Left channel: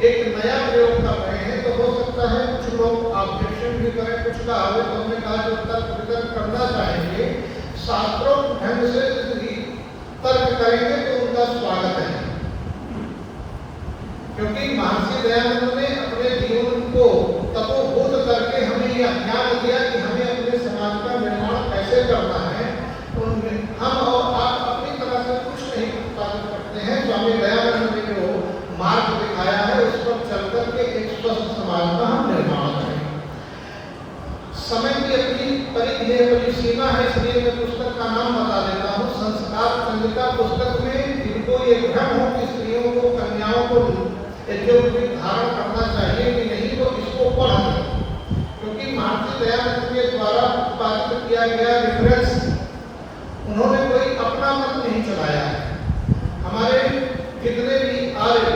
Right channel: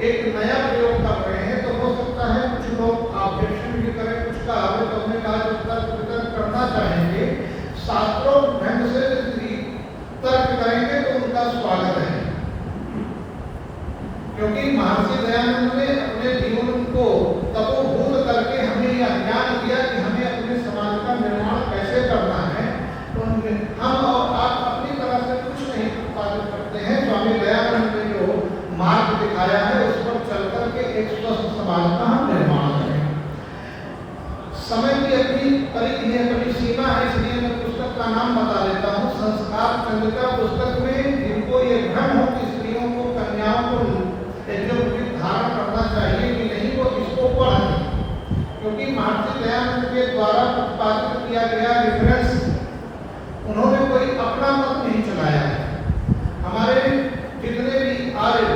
एक नया प्रयोग कर रहे हैं, तो हो सकता है कुछ लोग ऑब्जेक्शन भी करें, कुछ का आगे तो हमने कहा जो तर्क वितर्क करना चाहेंगे शास्त्रों ढंग से यदि तर्क करेंगे तो उनका स्वागत है। क्योंकि महर्षि दयानंद ने अपने जीवन को तपोभूत करके हमें यह ज्ञान दिया कि हमें अपने समाज का निर्माण कैसे करना है। हम और आप अपनी तरह से कुछ नहीं कर सकते हैं। स्वामी दयानंद ने जो मार्ग दिखाया है उस पर चलकर के एक स्वस्थ समाज का हम निर्माण करें। समय की अपनी परिधि है, अपनी सीमा है, इसलिए मैं पुस्तक का नाम बता देता हूँ। संस्कार चंद्रिका पुस्तक में जिनको ये भ्रम हो कि स्त्रियों को कन्याओं को धारण करना चाहिए कि नहीं, वो इसको पढ़ें, क्योंकि महर्षि दयानंद के द्वारा उत्पादित किया गया रेफरेंस, उन्होंने कोई अपना मत नहीं चलाया है। हमारे जितने भी आर्य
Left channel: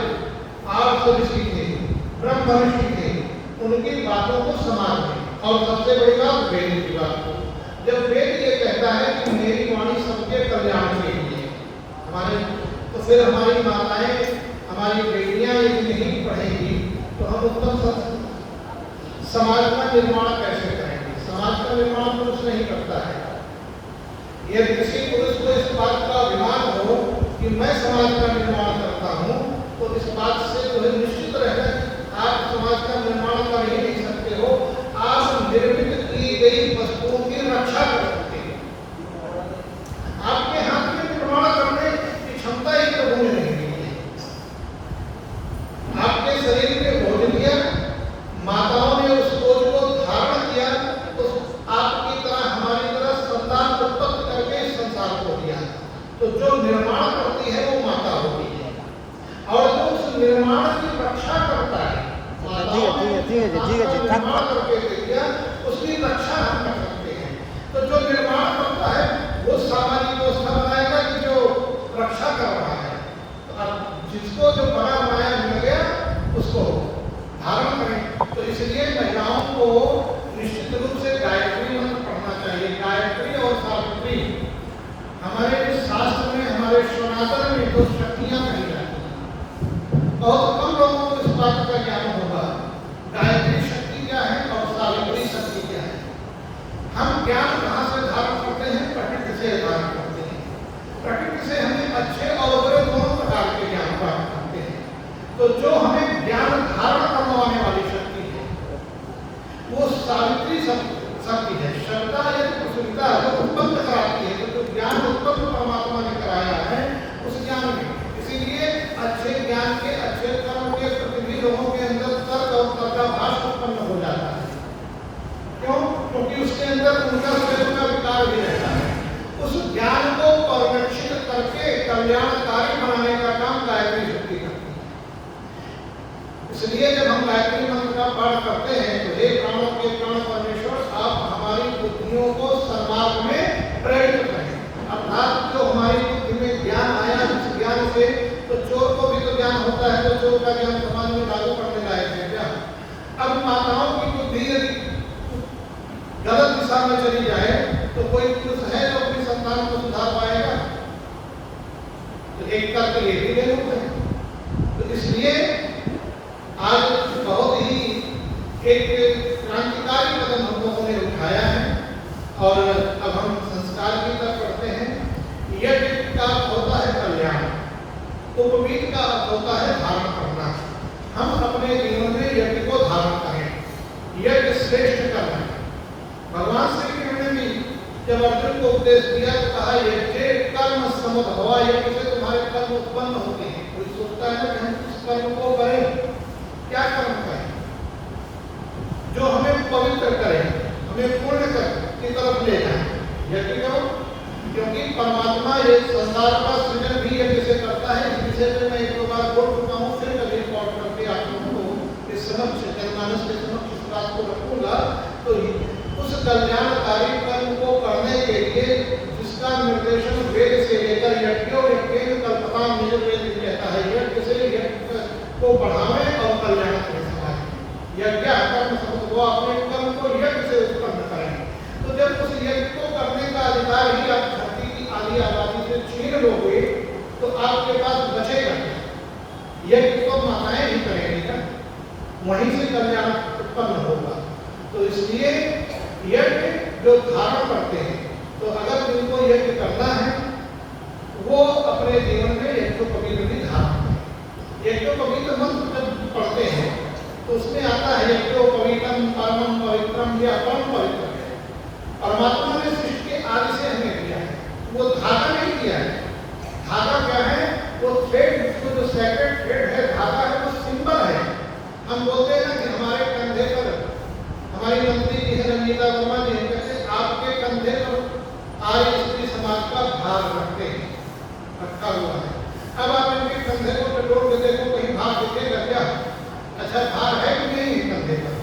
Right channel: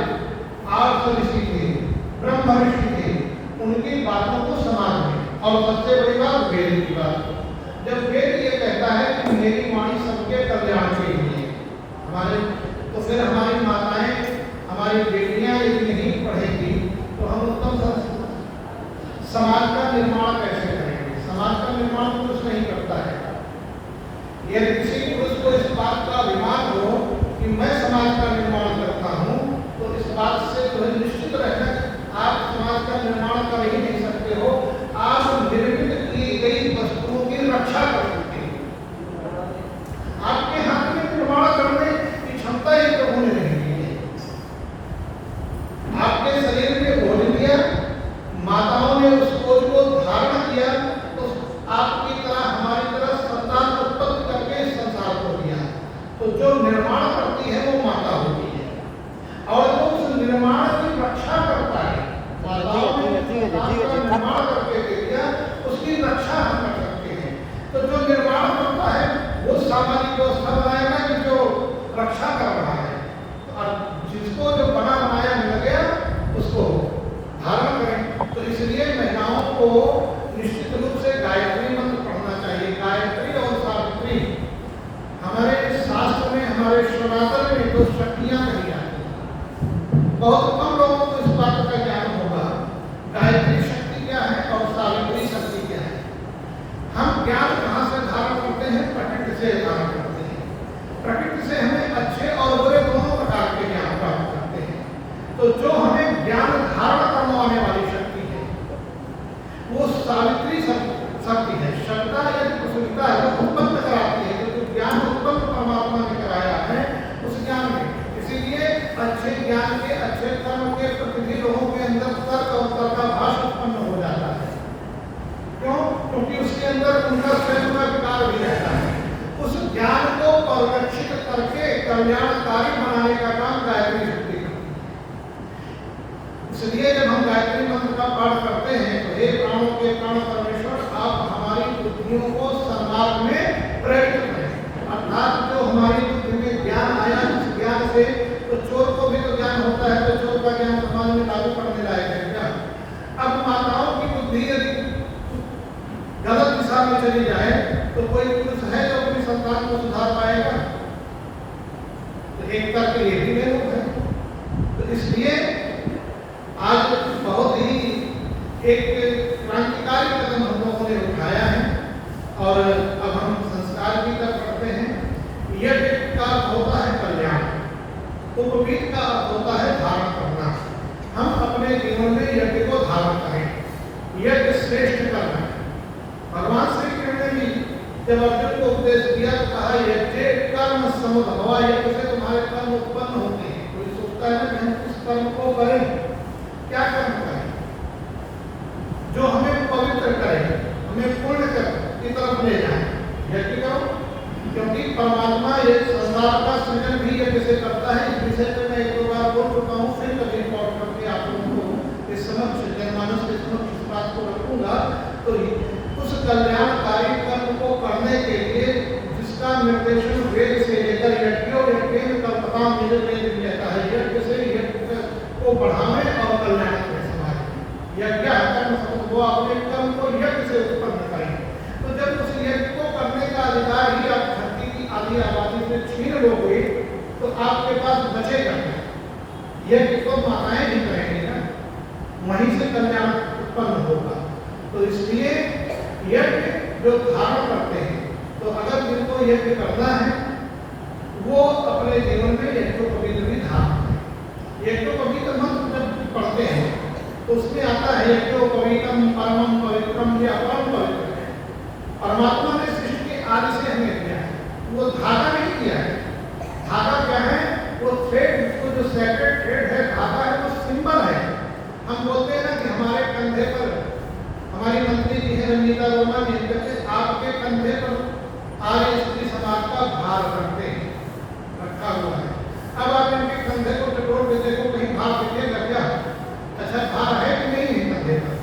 ऋषि थे, ब्रह्म ऋषि थे, उनकी बातों को समाज में, और सबसे बड़ी बात वेद की बात। जब वेद ये कहता है कि मेरी वाणी सबके कल्याण के लिए, हमारे तो फिर हमारी माताएं, हमारी बेटियां यदि नहीं पढ़ेंगी तो हम उत्तम समाज का निर्माण कैसे करेंगे? समाज का निर्माण पुरुष नहीं करता है। यदि किसी पुरुष को इस बात का अभिमान हो कि मैं समाज का निर्माण करता हूँ, तो इस बात से तो निश्चित रहना आप समाज का निर्माण कर ही नहीं सकते हो। आप निर्मित की गई वस्तुओं की रक्षा कर सकते हैं। आपके हाथ में निर्माण करने की क्षमता ही प्रभु ने नहीं दी है। आपके शरीर में भोज दिया, माताओं ने उस भोज को धारण किया, तो आपकी तरह हमारी तरह संतान उत्पत्ति करके इस संसार को दिया। तो जो निर्माण करती है वो माता होती है, और जो उस निर्माण की रक्षा करता है, माताओं ने निर्माण करके दिया, उसकी रक्षा हम कर सकते हैं। तो जो निर्माण करता है वो सामाजिक व्यवस्था बनाएगा कि जो रक्षा कर रहा है, और जिसको जो बना बनाया मिल गया उसको धारण करें। तो इसलिए महिलाओं को निश्चित रूप से गायत्री मंत्र पढ़ना चाहिए। गायत्री और सावित्री हमारे शास्त्र में, हमारे सनातन में दो शक्तियां कही जाती हैं। बहुत कम लोगों को इस बात का ज्ञान होगा गायत्री शक्ति क्या है और सावित्री शक्ति क्या है। हम ज्ञान कहाँ से धारण करते हैं? प्रकृति से धारण करते हैं। प्रकृति से हमें अच्छे और बुरे दोनों प्रकार के ज्ञान प्राप्त करते हैं। तो जो हमें ज्ञान धारण करवाने वाली शक्ति है वो सावित्री शक्ति है। श्रद्धा या कुशलता उत्पन्न कराती है, जो ज्ञान उत्पन्न परमात्मा ने कराया है उस ज्ञान में। इसीलिए अच्छे ज्ञान के, अच्छे कर्म के प्रति भी लोगों के अंदर तर्क और तर्काभास उत्पन्न हो जाता है। क्यों? क्योंकि उसके अंदर उनका स्वयं का विकार भी रहता है। उस ज्ञान को परिरक्षित करके कल्याणकारी बनाने का काम गायत्री शक्ति करती है। इसलिए जब हम गायत्री मंत्र का पाठ करते हैं तो हे प्राणों के प्राण परमेश्वर, आप हमारी बुद्धियों को समाज में प्रेरित करें। अर्थात जो हमारी बुद्धि में ज्ञान आया, उस ज्ञान से तो चोर को भी तो ज्ञान होता है, तो चोर का ज्ञान समाज में लागू करने लायक है क्या? अब माताओं की बुद्धि यदि गलत दिशा में चली जाए तो कोई पुरुष है जो अपनी संतान को सुधार पाएगा? तो एकता के लिए भी लोग हैं। तो इसलिए आज बहुत ही एक क्रांतिकारी कदम हम लोगों ने उठाया है, और अब हम संस्कार की तरफ बढ़ते हैं। यज्ञ का अर्थ होता है कल्याण, उपवीत का अर्थ होता है धारण करना। हम अपने जीवन में यज्ञ को धारण करें, यज्ञ श्रेष्ठ करना। भगवान श्री कृष्ण ने भी जब अर्जुन को उपदेश दिया तो कहा यज्ञ कर्म समुद्भवा, यज्ञ से तुम्हारे कर्म उत्पन्न होते हैं। कोई सोचता है ना कि हम इस कर्म को करें, क्या कर्म करें जो हमें पवित्र करे, हमें पुण्य की तरफ ले जाए? यज्ञ करो, क्योंकि परमात्मा ये संसार का सृजन भी यज्ञ से करता है। इस विषय पर मैं एक दो बार बोल चुका हूँ, फिर कभी रिकॉर्ड करके आप लोगों को इस समक्ष जनमानस के समक्ष इस बात को रखूंगा। तो उस कल्याणकारी कर्म को करने के लिए जिसका निर्देशन वेद से लेकर यज्ञ और यज्ञ कल्पना मुझे वेद कहता है, यज्ञ से यज्ञ को बढ़ावे और कल्याण यज्ञ कर्म को अपने कर्म को यज्ञ से उत्पन्न करें। तो जब उस यज्ञ को करने का अधिकार ही आप धरती की आदि आबादी से छीन लोगे तो आपके पास बचेगा। यज्ञ को माताएं नहीं करेंगे ना, वहीं से कल्याण उत्पन्न होगा। तो इसलिए यज्ञ जो धारण करते हैं, तो अगर जिनको यज्ञ करना है वो अपने जीवन में यज्ञोपवीत धारण करें। यज्ञोपवीत मंत्र जब पढ़ते हैं तो उसमें आता है यज्ञोपवीतम परमं पवित्रम या परम पवित्र है। परमात्मा ने सृष्टि के आदि से हमें किया है, वो धागा नहीं किया है। धागा क्या है? वो थ्रेड, वो जो सेक्रेट थ्रेड है, धागा है, वो सिंबल है। हम बोलते हैं ना कि हमारे कंधे पर, हमारी मंत्री जी है नमिता वर्मा जी कहते हैं आपके कंधे पर आर्य स्त्री समाज का भार रखते हैं, रखा हुआ है। अब आप इनके कंधे को टटोल के देखो, कहीं भार देखेगा क्या? अच्छा भार है कि नहीं कंधे पर?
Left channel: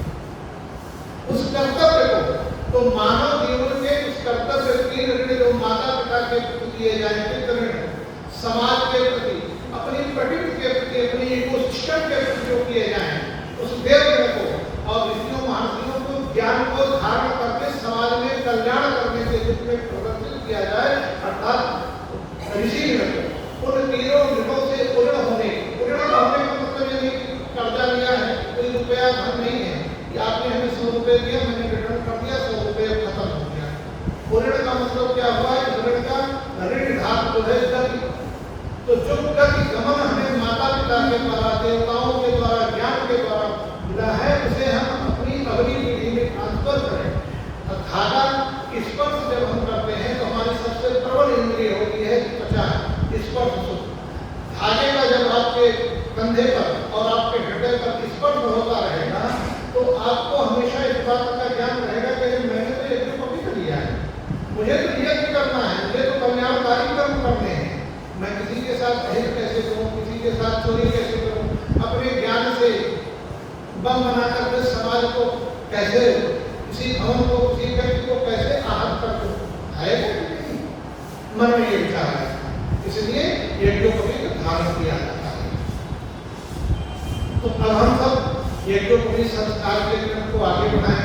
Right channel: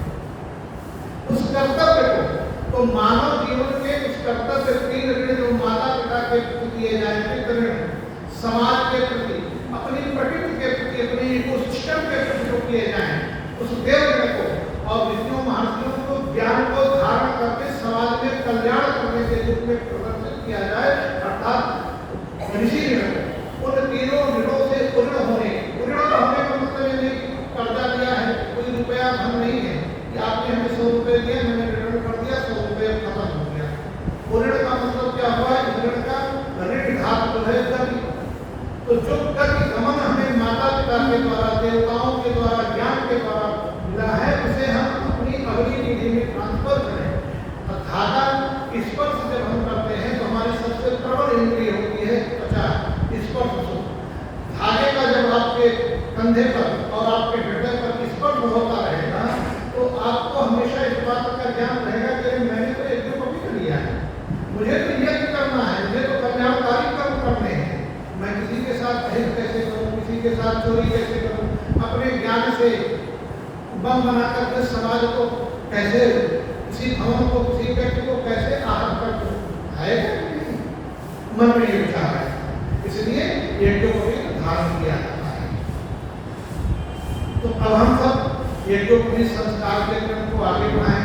उस कर्तव्य को, तो मानव जीवन के उस कर्तव्य के ऋण जो माता पिता के प्रति किए जाएंगे, ऋण समाज के प्रति, अपनी प्रकृति के प्रति, अपनी इकोसिस्टम के प्रति जो किए जाएं, उस देव को और विष्णु महर्षियों को ज्ञान को धारण करके समाज में कल्याण करने के रूप में प्रदर्शित किया जाए, अर्थात ऋषि उन तीनों ऋणों से उऋण होने का मतलब ये नहीं कर्जा लिया है, कोई रुपया धन नहीं है कि आपने हमें 100 रुपये दिया, मैंने रिटर्न कर दिया, 100 रुपये खत्म हो गया। उऋण का मतलब क्या हुआ? ऋण का ऋण घात जो है गति। तो जो गति गमन हमें माता पिता के द्वारा, देवताओं के द्वारा, ज्ञान के द्वारा मिला है, उसे हम अपनी अगली पीढ़ी में ट्रांसफर करें। धागा स्पर्श जब हम करते हैं तो हमारी सबसे प्रबल इंद्रिय होती है त्वचा, स्पर्श सुख। धागे का जब आपके कंधे पर और आपके हृदय पर स्पर्श होता रहेगा तो आपको हमेशा इस बात का ज्ञान रहेगा कि मैंने तो यज्ञ को भी लिया है, मुझे तो यज्ञ करना है, मुझे तो कल्याणकारी कर्म करने हैं। मैं किसी के साथ भेद कैसे करूं, किसी के साथ चोरी कैसे करूं, अपने ज्ञान से बम बनाकर के समाज को कैसे, किसी भवन को, किसी व्यक्ति को कैसे आहत कर दूं, है मन में ये विचार है। इसलिए यज्ञों को भी धारण किया जाता है। तो अब हम सब यज्ञों संस्कार के क्रम को आगे बढ़ाएं।